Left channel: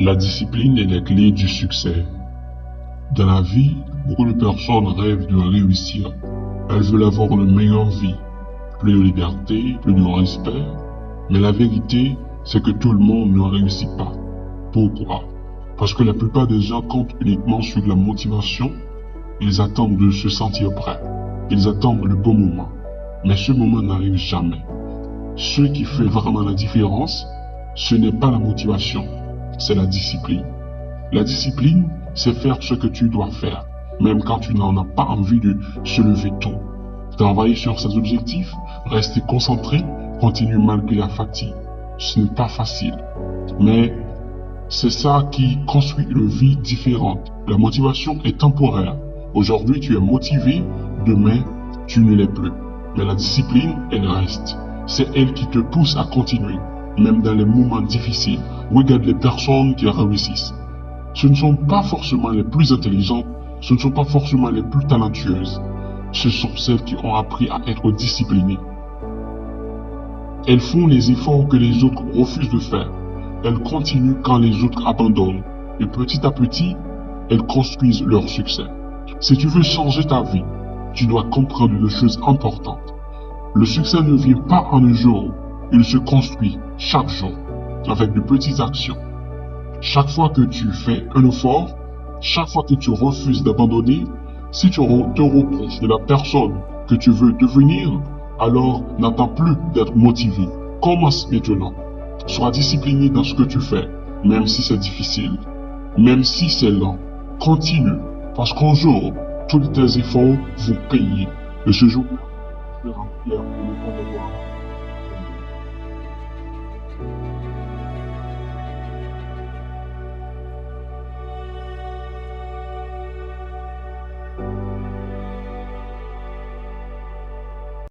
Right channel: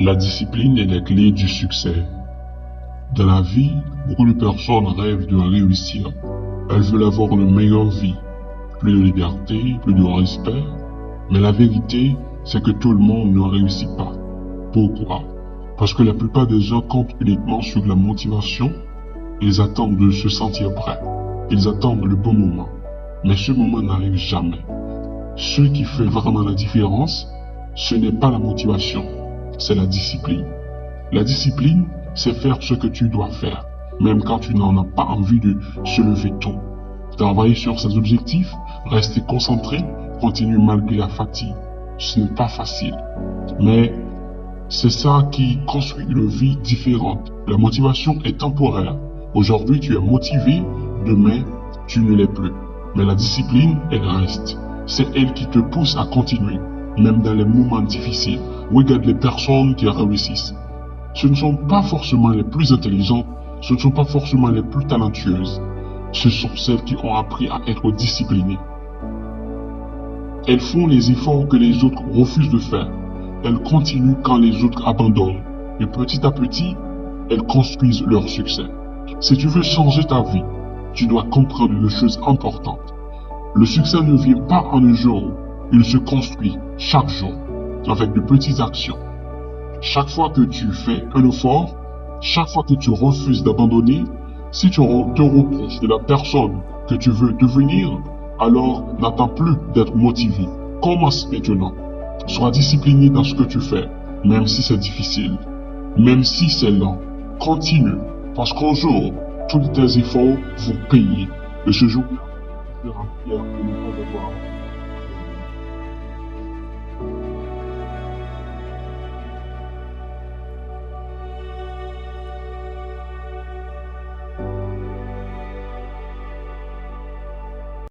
La discipline est la clé du succès. Dans la vie, beaucoup de personnes rêvent de réussir. Elles veulent avoir une meilleure vie, plus de liberté, plus de respect. Mais la vérité, c'est que tout le monde ne réussit pas. Pourquoi? Parce que la plupart des gens comptent uniquement sur la motivation. Ils attendent de se sentir prêts. Ils attendent le bon moment. Mais ce moment n'arrive jamais. Ce qui fait vraiment la différence, ce n'est pas la motivation, c'est la discipline. La discipline, c'est faire ce que tu dois faire, même quand tu n'en as pas envie de se lever tôt. Travailler sur ses objectifs, rester concentré, continuer malgré la fatigue. Ce n'est pas facile, mais c'est ça qui construit une vie différente. La motivation est temporaire. Aujourd'hui, tu es motivé, demain, tu ne l'es plus. Mais la discipline, elle reste. C'est elle qui te pousse à continuer, même dans les moments difficiles. Regarde les personnes qui réussissent. Ce ne sont pas forcément les plus intelligentes, ce ne sont pas forcément les plus talentueuses. Ce sont celles qui ont appris à être disciplinées. Elles font les efforts que les autres refusent de faire. Elles continuent quand les autres abandonnent. Et petit à petit, elles construisent leur succès. Si tu veux changer ta vie, tu dois comprendre une chose importante. Le succès ne vient pas en un jour, il se construit chaque jour, avec de petites actions. Chaque fois que tu fais un effort, chaque fois que tu refuses d'abandonner, si tu te reproches de la personne que tu veux devenir, alors n'attends plus d'être motivé. Commence maintenant. Sois discipliné dans ce que tu fais, même si c'est difficile, même si c'est lent. Continue, parce qu'un jour, tous tes efforts vont payer. Et ce jour, tu seras fier de ne pas avoir